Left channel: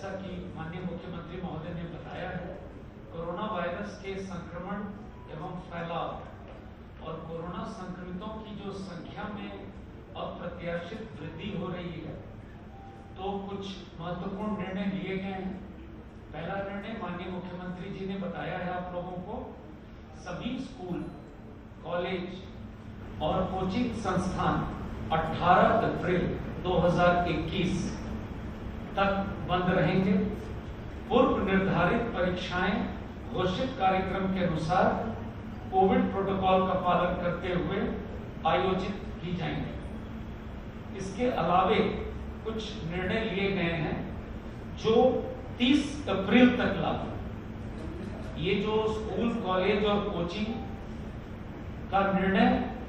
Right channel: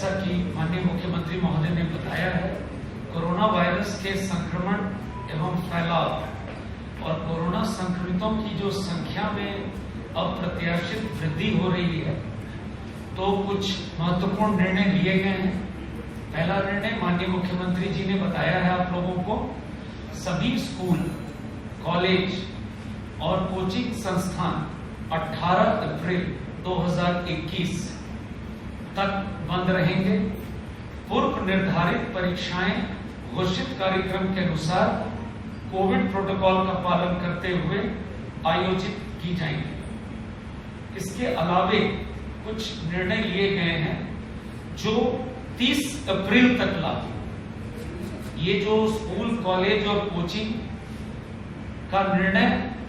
जैसा कि माननीय मुख्यमंत्री महोदय ने बताया है, कोरोना वायरस के संक्रमण एवं फैलाव और कोरोना संक्रमितों की जो संख्या में अप्रत्याशित वृद्धि हो रही है, तो कुछ महत्वपूर्ण निर्णय लिए गए हैं। पहला निर्णय माननीय मुख्यमंत्री जी ने बताया है आप लोगों को, सभी स्कूल, कॉलेज और कोचिंग संस्थान 18 अप्रैल 2021 तक बंद रहेंगे। पूर्व निर्धारित परीक्षाएं घोषित कार्यक्रम के अनुसार कोविड प्रोटोकॉल का पालन करते हुए आयोजित की जाएंगी। इसके अलावे कुछ निर्णय लिए गए हैं जो 30 अप्रैल तक लागू। ये जो स्कूल, कॉलेज और कोचिंग का निर्णय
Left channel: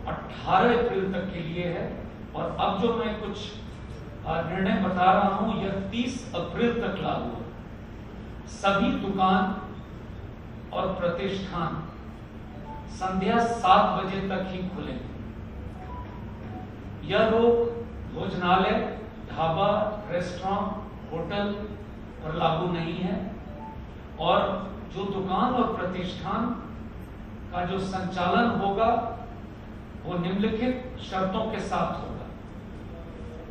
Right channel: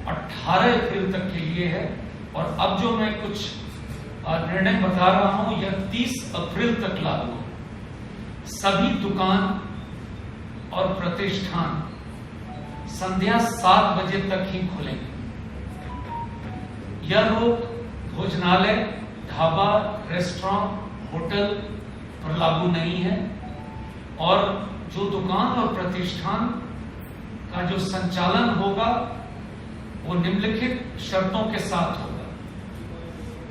18 अप्रैल तक के लिए है, और अब जो मैं कुछ निर्णय बता रहा हूं यह 30 अप्रैल तक लागू है। सभी दुकान और प्रतिष्ठान संध्या 7 बजे तक ही खुलेंगे। यह रोक भोजनालय, ढाबा, रेस्टोरेंट, होटल पर लागू नहीं है, और जो दुकान और प्रतिष्ठान का जो संचालन होगा वो निम्नलिखित शर्तों के साथ होगा।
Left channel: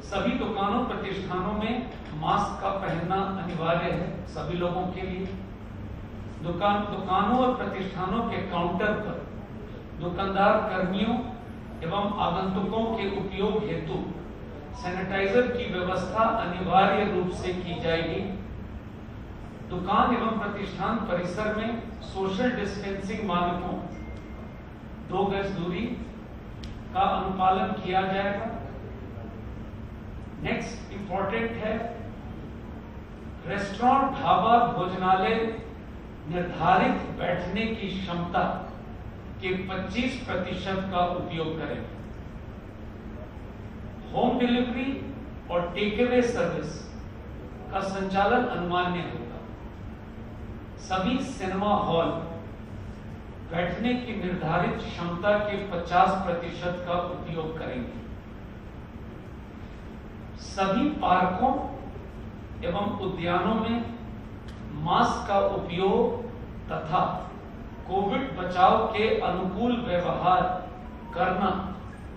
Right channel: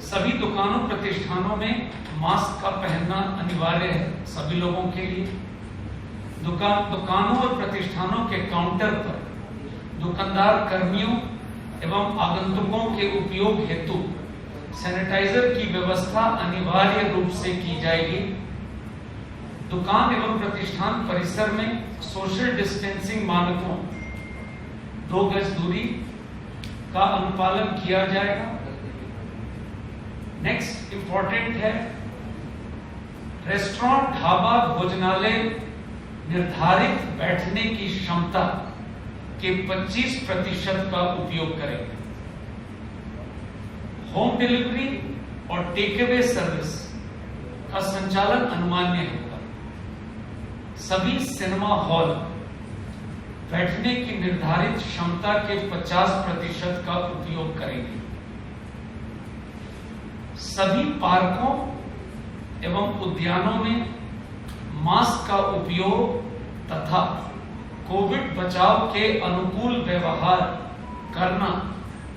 सभी दुकानों, प्रतिष्ठानों में मास्क का पहनना अनिवार्य है सभी लोगों के लिए। दुकानों और प्रतिष्ठानों के काउंटर पर दुकानदार कर्मियों एवं आगंतुकों के उपयोग हेतु सैनिटाइजर की व्यवस्था अनिवार्य रूप से की जाएगी। दुकान एवं प्रतिष्ठान परिसर में सोशल डिस्टेंसिंग मानकों 2 गज दूरी का अनुपालन किया जाएगा। नेक्स्ट इंपॉर्टेंट है, रेस्टोरेंट, ढाबा, भोजनालय निर्धारित बैठने की क्षमता के 25% का उपयोग करेंगे। होम डिलीवरी और टेक अवे सर्विस का संचालन अनुमान्य होगा। सभी सिनेमा हॉल बैठने की निर्धारित क्षमता के 50% का उपयोग करेंगे। सभी पार्कों एवं उद्यानों में मास्क का उपयोग तथा कोविड बचाव के अनुकूल व्यवहार करना,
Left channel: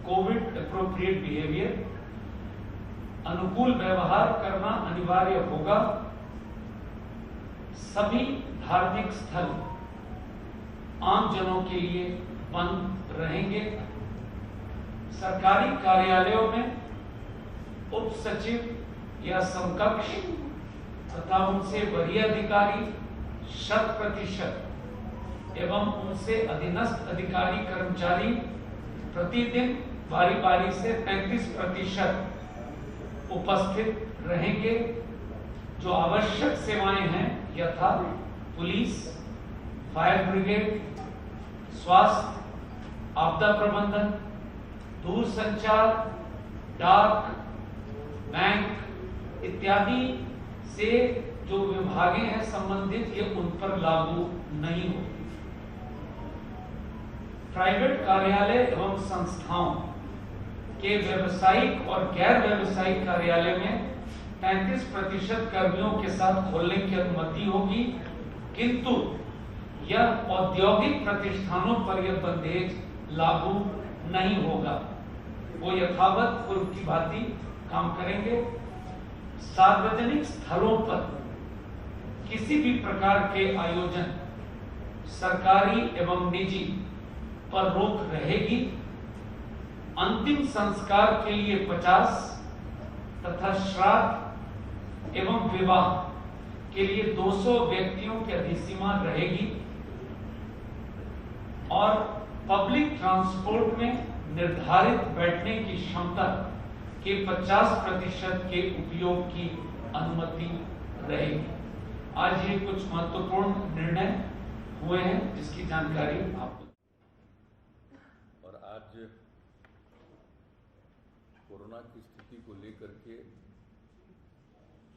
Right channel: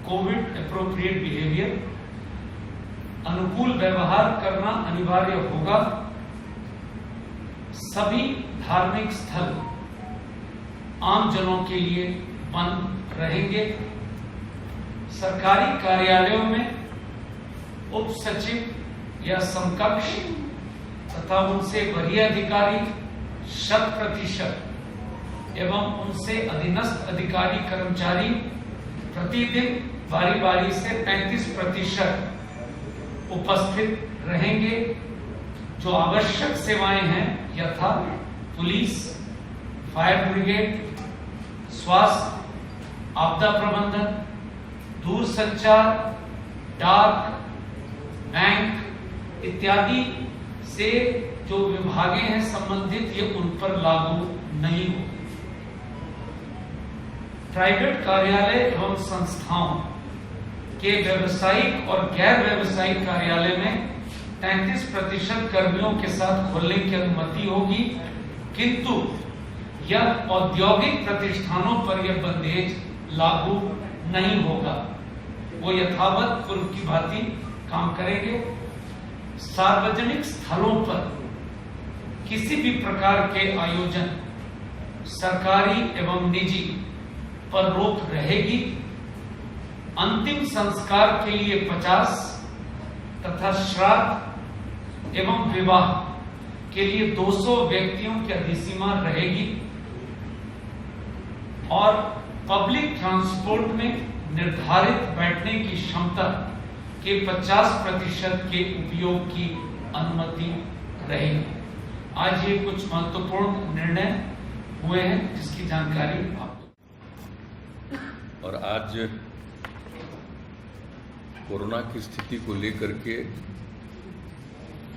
कोविड एप्रोप्रिएट बिहेवियर, अनुकूल व्यवहार करना अनिवार्य होगा। सभी धार्मिक स्थल आम जनों के लिए बंद रहेंगे। सरकारी कार्यालयों में उप सचिव या समकक्ष तथा उनसे वरीय अधिकारी 100% एवं उनसे अधीनस्थ अधिकारी कर्मचारी प्रतिदिन बारी बारी से 35% उपस्थित रहेंगे। जो आवश्यक सेवाएं हैं यथा पुलिस, फायर ब्रिगेड, स्वास्थ्य, आपदा प्रबंधन, दूरसंचार, डाक, बैंक इत्यादि से जो विभागें हैं संबंधित, ये उन पर लागू नहीं होगी। प्राइवेट कार्यालय एवं संस्थाओं के व्यावसायिक और गैर व्यावसायिक कार्यालय में 33% कर्मियों के साथ खोलने की अनुमति होगी, किंतु यह औद्योगिक प्रतिष्ठानों पर यह बंदेज लागू नहीं होगा। वो यथावत पूर्व की भांति काम करेंगे। सार्वजनिक स्थलों पर किसी भी प्रकार के आयोजन, सरकारी एवं निजी, पर रोक रहेगी। अंतिम संस्कार के लिए 50 तथा श्राद्ध एवं विवाह के लिए 200 व्यक्तियों की अधिसीमा रहेगी, और पब्लिक ट्रांसपोर्ट में निर्धारित बैठने की क्षमता के 50% के उपयोग की अनुमति रहेगी। आज ये कुछ महत्वपूर्ण निर्णय हुए हैं जिसकी जानकारी आपको। और आज कोरोना की स्थिति को लेकर के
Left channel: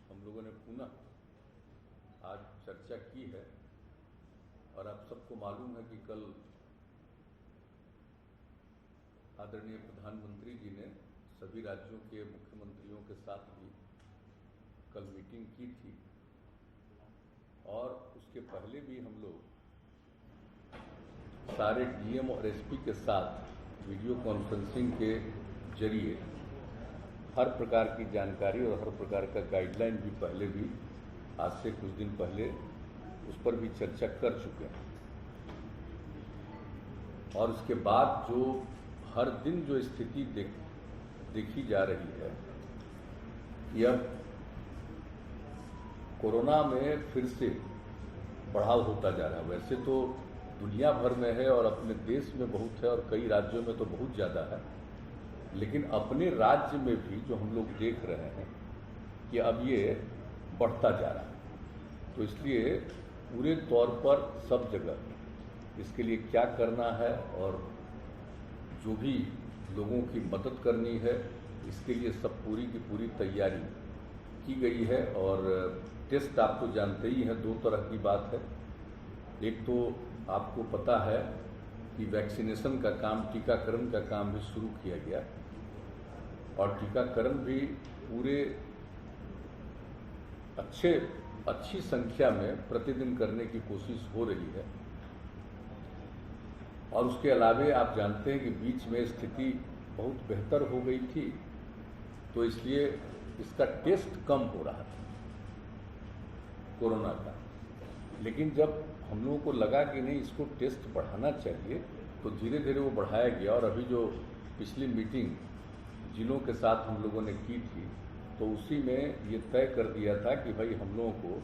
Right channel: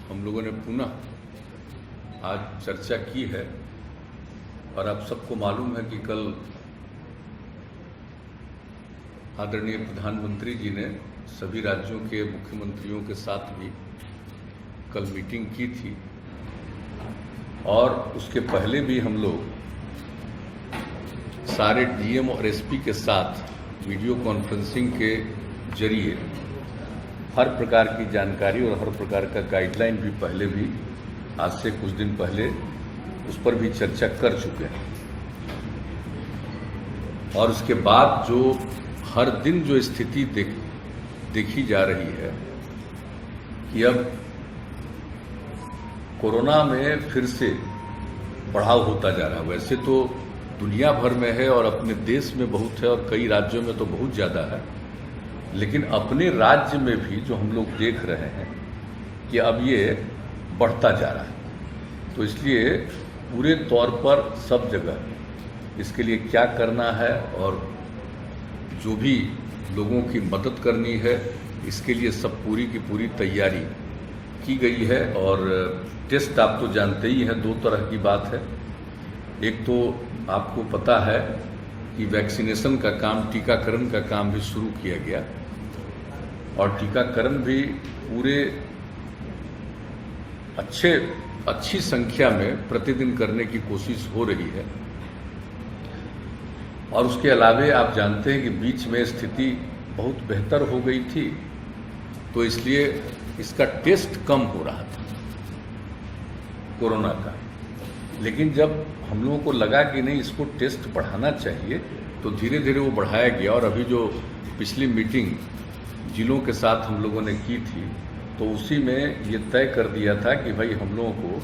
हम लोगों ने पुनः आज चर्चा की है, और आप सबको मालूम है कि कल आदरणीय प्रधानमंत्री जी ने सभी राज्यों के मुख्यमंत्रियों के साथ भी कल मीटिंग की थी, और उसके पहले भी हम लोग सारे डीएम और एसपी के साथ वीडियो कॉन्फ्रेंसिंग के जरिए हर प्रकार की जानकारी और हर प्रकार का गाइडलाइन भी पहले भी आज से कुछ दिन पहले उस पर भी चर्चा कर चुके हैं। और उसके बाद जो हर दिन जो स्थिति देखी जा रही है कि अब कोरोना में फिर से बढ़ाव होता जा रहा है। वैसे तो दुनिया भर में है और अपने देश में बहुत है और कई राज्यों में तो बहुत ज़्यादा है, लेकिन अपने राज्य में भी जो हम लोग देख रहे हैं कि अब ये बढ़ता जा रहा है। तो इसलिए पूरे तौर पर सब जगह इसके लिए क्या करना है और जो भी लोगों की मदद करनी है इसके लिए सब पूरी की पूरी तैयारी की गई है। और टेस्ट आप तो जानते ही हैं, दो तरह की बात है। एक तो आपको पता है कि वैक्सीनेशन का काम, टीकाकरण का काम भी शुरू किया गया और टीकाकरण भी पूरे अच्छी संख्या में प्रतिदिन करने की कोशिश हो रही है। और उसके अलावे आप जानते हैं कि बीच में स्थिति बहुत बेहतर हो गई थी, तो इसलिए इसका टेस्ट कम हो रहा था कोरोना का। लेकिन जब हम लोगों को लगा कि नहीं, इसको टेस्ट बढ़ाना चाहिए, तो धीरे धीरे वो बढ़ाया गया। और अभी जो पिछली मीटिंग जिलों के साथ हम लोगों ने की थी, तो उसी में ये तय कर दिया था कि भाई हम लोगों को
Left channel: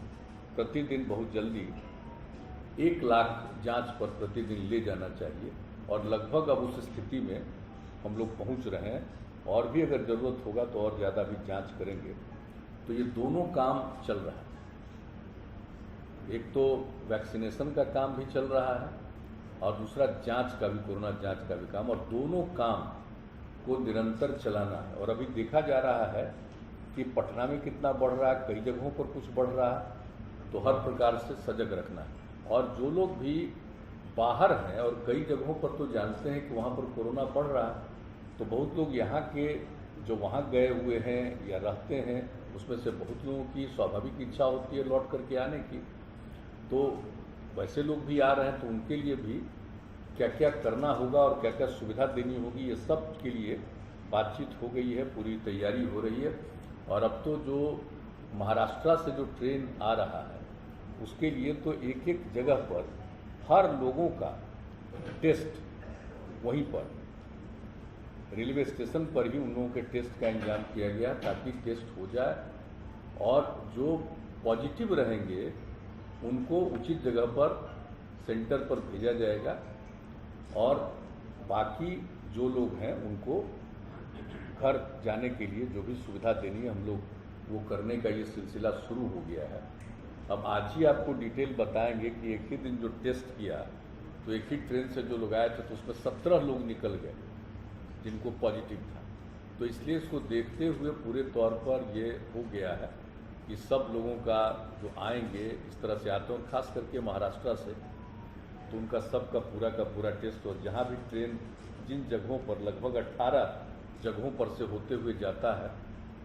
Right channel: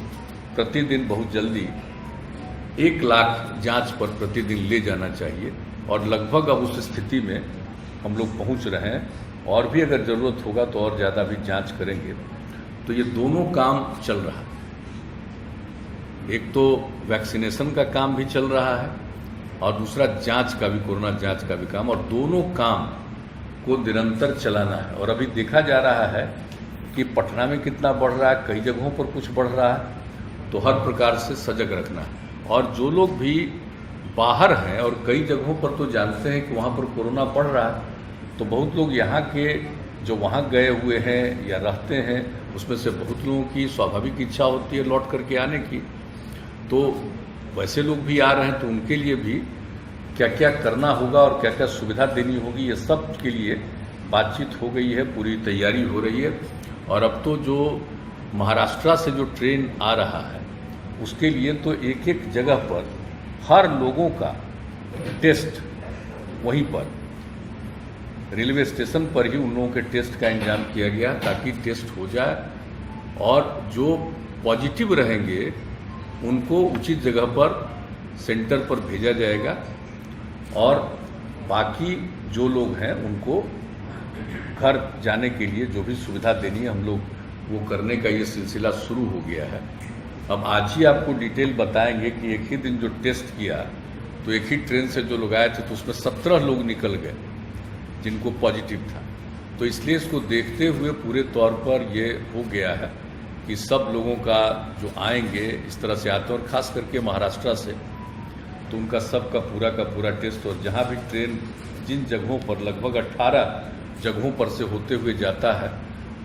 प्रतिदिन बहुत जल्दी 1 लाख जांच पर प्रतिदिन ले जाना चाहिए। और लगभग अब उस स्थिति में हम लोग पहुंच रहे हैं, और भी अगर ज़रूरत होगा तो और ज़्यादा भी जांच करेंगे। तो ये दोनों काम चल रहा है। एक तो वैक्सीनेशन का काम भी चल रहा है और दूसरा जांच का भी, कोरोना जांच का भी काम, और दोनों काम को निरंतर चलाना है। और अभी देखा जा रहा है कि पटना में कितना बढ़ रहा है, कई जगहों पर कुछ बढ़ रहा है, तो हर प्रकार से सजग रखना है। और जो लोग भी बाहर हैं और कई जगहों पर तो जानते हैं कि वहाँ पर कोरोना बढ़ रहा है, तो बहुत लोग यहाँ के जो वहाँ गए हुए हैं या रहते हैं, उसमें से बहुत लोगों की स्वाभाविक इच्छा होती है लौट करके आने की। तो वैसे लोग भी आ रहे हैं, तो उनके लिए भी क्या क्या करना होगा और क्या क्या सुविधा देनी होगी, ये सब के लिए बातचीत हो गई है, पूरी तैयारी हो रही है। और अब तो जो महाराष्ट्र से जो ट्रेन आ रहा है, उसके लिए तो एक एक जगह पर हर लोगों का टेस्ट वहीं पर रेलवे स्टेशन पर ही उन लोगों के टेस्ट का इंतजाम किया गया, ताकि टेस्ट हो जाए और जो पॉजिटिव रहेंगे उनको उचित जगह पर सेंटर पर भेजा जाएगा। और बाकी जो लोग हैं उनको घर जाने के लिए जो भी सुविधा देनी है, हम लोग वो करने का ये सिलसिला शुरू हो गया है। अब आज ही आपको डिटेल बताएंगे कि एक ही दिन जो टेस्ट किया, तो एक ही ट्रेन से जो लोग आए थे, तो उसमें 17 लोग निकल गए जिनको पॉजिटिव था। तो इसलिए इसको देखते हुए पूरे तौर पर ये हो गया है कि सब लोगों का जो आएंगे इस तरह से आते हैं, और ख़ास करके महाराष्ट्र से, तो उनका सबका पूरा टेस्ट। और जहाँ भी ट्रेन जिन जगहों पर लगभग 18 जगहों पर से होते हुए जाता है,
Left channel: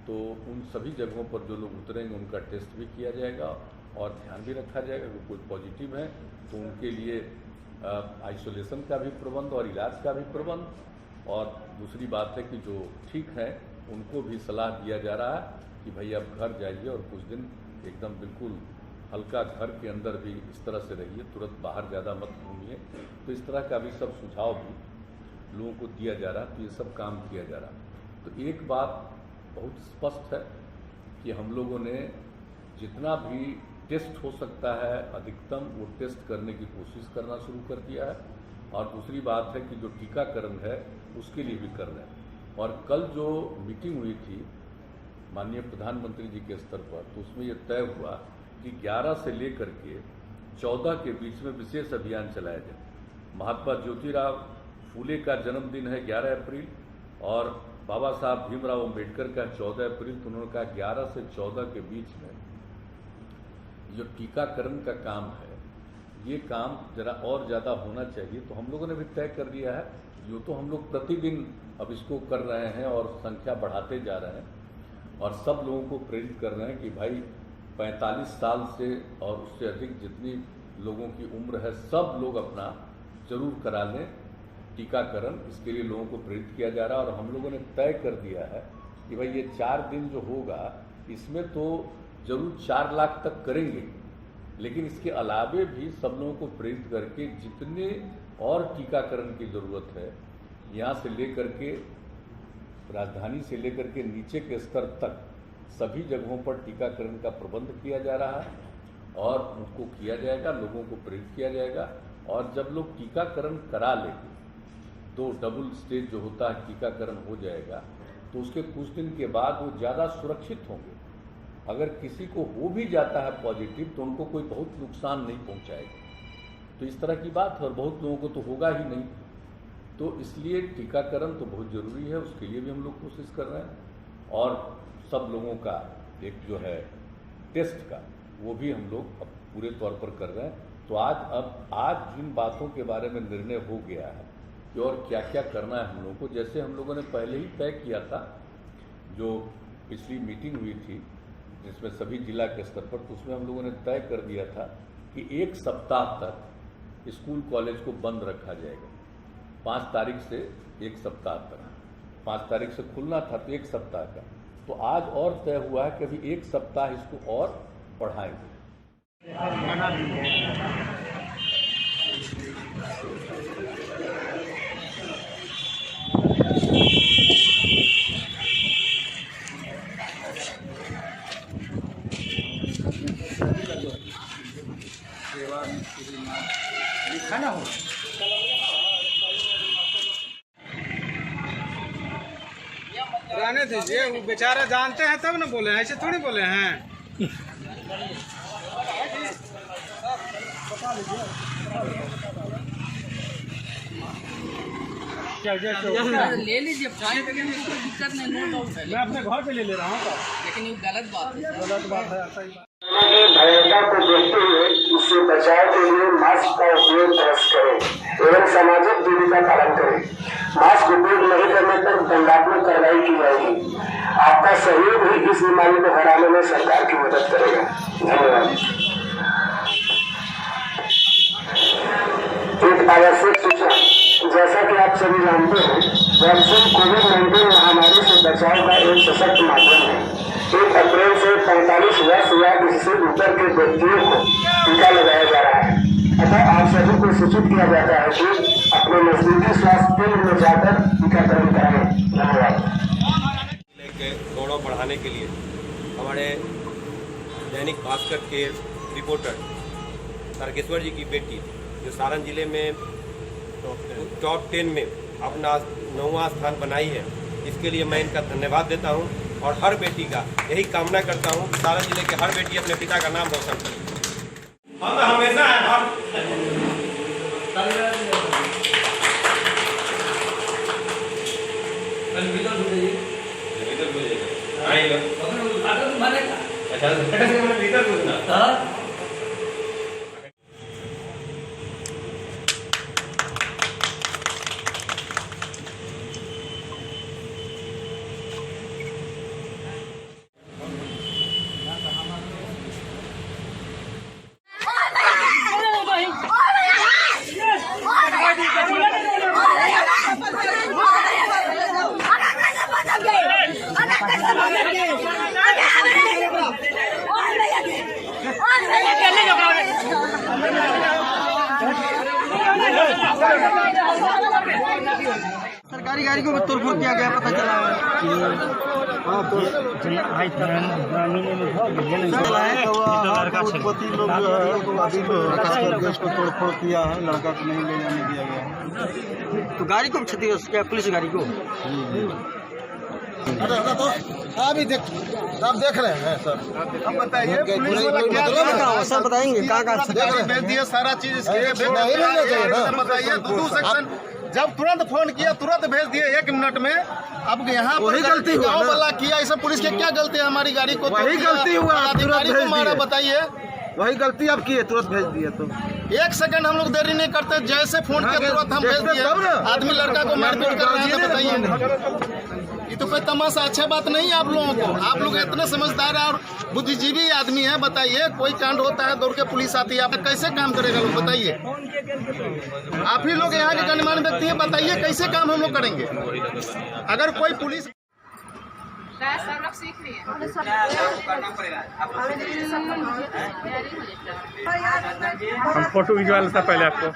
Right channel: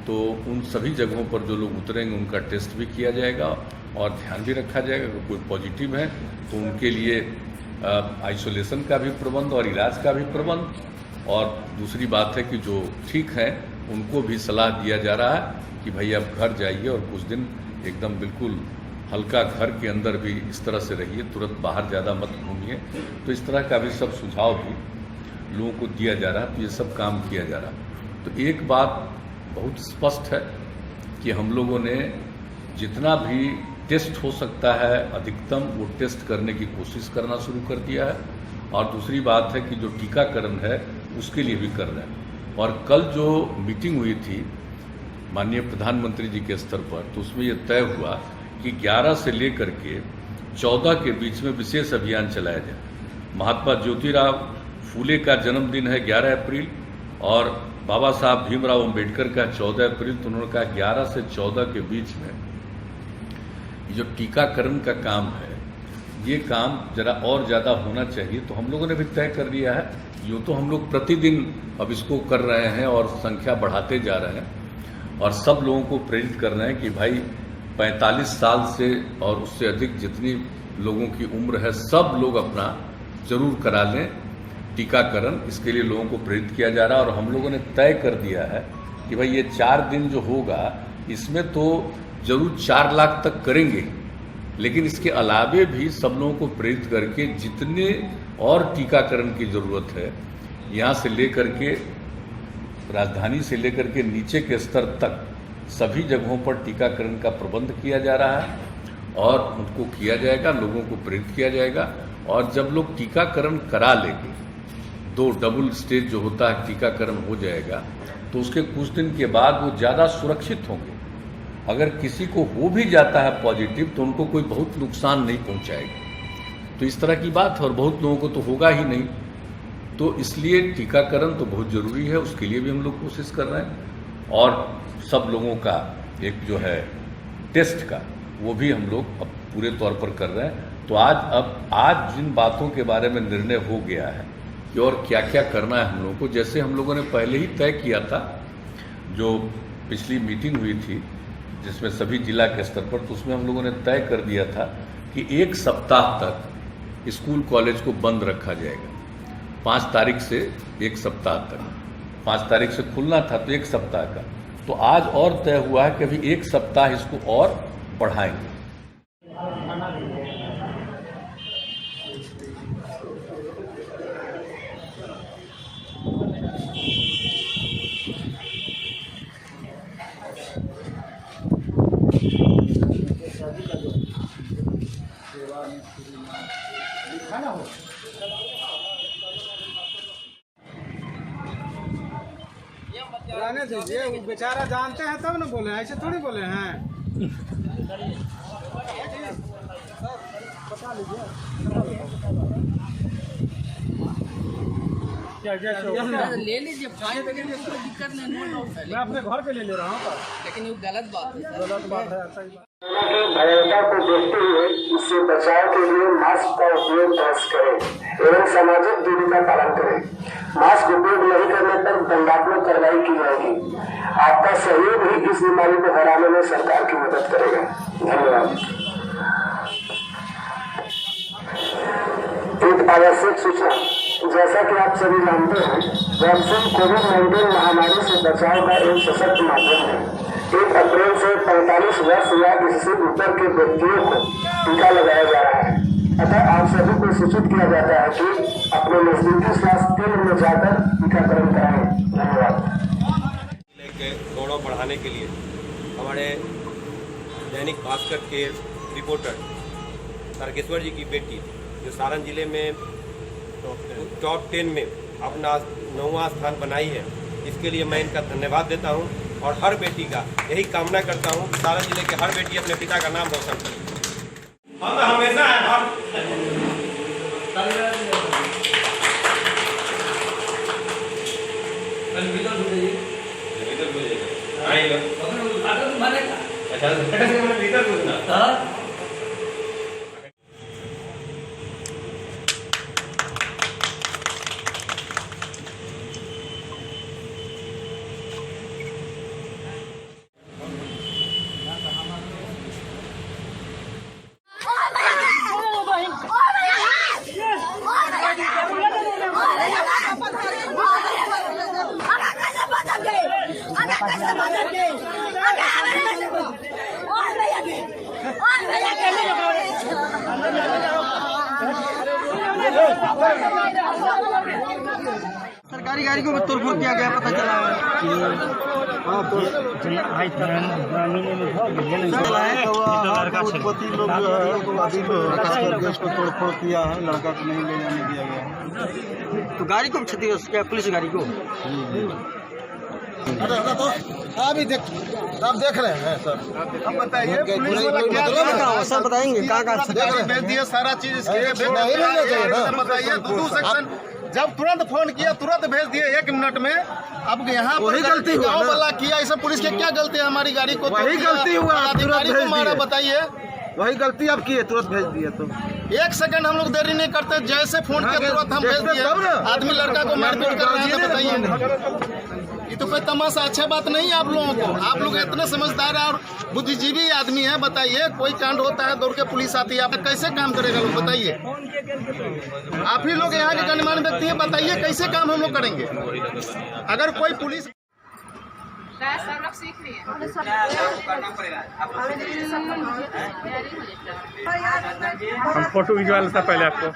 तो उन सभी जगहों पर जो लोग उतरेंगे उनका टेस्ट भी किया जाएगा और ध्यान भी रखा जाएगा। अगर कोई पॉजिटिव है तो उनके लिए आइसोलेशन का भी प्रबंध और इलाज का भी प्रबंध। और दूसरी बात है कि जो ठीक हैं उनको भी सलाह दिया जा रहा है कि भाई आप घर जाइए और कुछ दिन एकदम बिल्कुल हल्का घर के अंदर भी इस तरह से रहिए, तुरंत बाहर ज़्यादा मत घूमिए। तो इस तरह का भी सब सुझाव भी लोगों को दिया जा रहा है, तो ये सब काम किया जा रहा है। तो एक बात बहुत स्पष्ट है कि हम लोगों ने जितना भी टेस्ट हो सकता है अधिकतम वो टेस्ट करने की कोशिश करना शुरू कर दिया है। और दूसरी बात है कि जो टीकाकरण है उसके लिए भी कर रहे हैं। और कल जो मीटिंग हुई थी माननीय प्रधानमंत्री जी के स्तर पर, तो उसमें ये तय हुआ कि 11 से लेकर के 14 के बीच में विशेष अभियान चलाया जाए। महात्मा ज्योतिराव फूले का जन्मदिन है 11 अप्रैल और बाबा साहब भीमराव अम्बेडकर का 14 अप्रैल। तो उन्होंने कहा 11 से 14 के बीच में जो टीकाकरण का काम है, ये काम जरा और ज़्यादा होना चाहिए। तो हम लोगों ने भी तय कर लिया है, यूँ तो हम लोग प्रतिदिन अब इसको कर रहे हैं और संख्या बढ़ाते जा रहे हैं और सब लोगों को प्रेरित कर रहे हैं कि भाई 45 साल से और उससे अधिक जितनी लोगों की उम्र है, सब लोग अपना जरूर करा लें टीकाकरण। इसके लिए लोगों को प्रेरित किया जा रहा है और हम लोगों ने तय कर दिया है कि भाई ये 4 दिन जो होगा इसमें तो जरूर 4 लाख तक करेंगे, लेकिन इसके अलावे भी सब लोगों को प्रेरित करके जितने और टीकाकरण की जरूरत है, यहाँ से लेकर के राजधानी से लेकर के नीचे के स्तर तक सभी जगहों पर टीकाकरण का प्रबंध किया जा रहा है और उनको किया जाएगा, लोगों को प्रेरित किया जाएगा। और जब लोग टीकाकरण करा लेंगे, 2 डबल स्टेज जो होता है टीकाकरण हो जाएगा, तो उसके कुछ दिन के बाद वो ज़्यादा सुरक्षित होंगे। अगर किसी को हो भी जाता है पॉजिटिव तो उनको कोई बहुत नुकसान नहीं पहुंचाएगा। तो इस तरह की बात है और बहुत लोगों को तो होगा ही नहीं। तो इसलिए टीकाकरण तो बहुत ज़रूरी है, उसके लिए भी हम लोग कोशिश कर रहे हैं। और सब लोगों का एक जो है टेस्ट का, वो भी हम लोग अब पूरे तौर पर कर रहे हैं। तो आज जिन बातों के बारे में निर्णय हो गया है कि और क्या क्या करना है हम लोगों को, जैसे हम लोगों ने पहले ही तय किया था, जो पिछली मीटिंग हुई थी जिसमें सभी जिला के स्तर पर, तो उसमें हम लोगों ने तय कर दिया था कि 1 सप्ताह तक स्कूल कॉलेज को बंद रखा जाएगा। 5 तारीख से 1 सप्ताह तक, 5 तारीख से खुलना था तो 1 सप्ताह का, तो आज और तय हुआ है कि अभी 1 सप्ताह इसको और बढ़ाएंगे। रहने दीजिए, वो बेचारा जानते हैं तब ना बोले हैं, ऐसे थोड़ी बोले हैं। बता लीजिए ले लीजिए, दिक्कत नहीं, नो डाउट है। मैं अपने घर पे ले रहा हूँ, लेकिन ये गलत बात है। गलत बात है, सही बात। भयंता को देखते हुए इससे बचाव के लिए मास्क का उपयोग अवश्य करें एवं सामाजिक दूरी का पालन करें। मास्क उपयोग नहीं करने पर दंडात्मक कार्रवाई की जाएगी। आपका सहयोग ही इस बीमारी को हराने में सरकार की मदद करेगा। धन्यवाद। एक आवश्यक सूचना, जैसा कि आप सभी जानते हैं, वैक्सीन कोविड-19 महामारी से बचाव का एक सशक्त माध्यम है। 1 अप्रैल से 45 वर्ष या इससे ऊपर के व्यक्तियों को टीका लगाया जा रहा है। अतः आप सभी को सूचित किया जाता है कि अपने नजदीकी स्वास्थ्य केंद्र में जाकर टीकाकरण कराएं। धन्यवाद। गौरव बढ़ाने के लिए हमारे दैनिक भास्कर के रिपोर्टर तारकेश्वर जी की बेटी, जो सारण जिले में टॉप 10 में अपना 9वां स्थान बनाई है, इसके लिए मैं इनका धन्यवाद देता हूं और हर बेटी का यही कामना करता हूं कि सारण जिले के हर बेटी अपने पिता का नाम रोशन करे। हम हमेशा सरकारी गाड़ी को तोड़फोड़ किया गया, पता चला है। उत्पत्ति लोग जो है देश को तोड़फोड़ किया है, लड़का को नहीं ले जाने दिया गया है। तो गाड़ी को क्षति क्या, पुलिस गाड़ी को? अभी आप देख रहे हैं सर, हम बताइए सर, बताएंगे कहाँ भेज दिए सारा चीज इसके बताइए। 2 सेक्शन जब तुरंत फोन किया तुरंत भेज दिए 1 मिनट में। अब यहाँ वही गलती गाँव वाला किया, इसे पुलिस की क्या गलती है? हमारी गाड़ी को वही गलती हुआ, अधिकारी को मारा, बताइए। वही गलती आप किए, तुरंत भेज दिए। तो 1 सेकंड हम लोग देरी नहीं करते, जैसे फोन किया तुरंत हम भेज दिए। आदमी लड़का को मारपीट कर रहे हैं, तो बताइए। ये तो कोई तमाशा अच्छा बात नहीं है आप लोगों को। आप लोग इतने समझदार और बुद्धिजीवी आदमी हैं, बताइए कोई कांड होता है दौड़ के पुलिस आती है, आप कैसे काम करेगा लोग बताइए। आप ही लोग यहाँ के गणमान्य व्यक्ति हैं, बताइए कैसे काम हम लोग करेंगे अगर कोई पुलिस। सब लोग सीख रही है, करना पड़ेगा। हम फोटो खिंचवा लेते पहले आपको।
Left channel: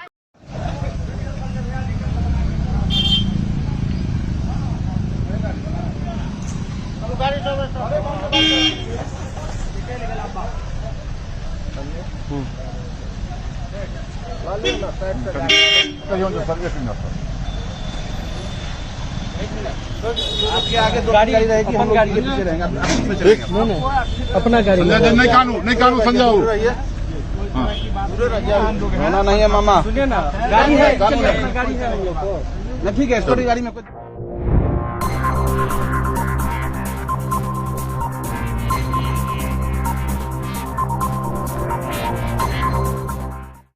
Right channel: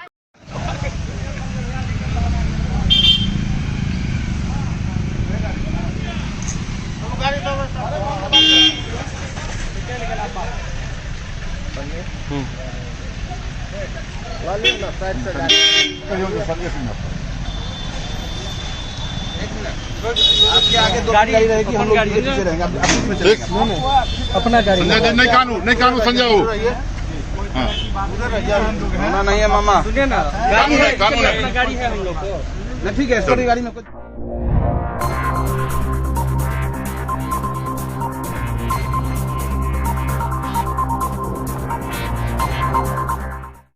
आपके आगे दो गाड़ी रहेगी, हम लोग पीछे रहेंगे। आप इसमें चलेंगे अपना गाड़ी नहीं कानून समझाओ। नहीं है मामा, गाड़ी है, ठीक है, गाड़ी में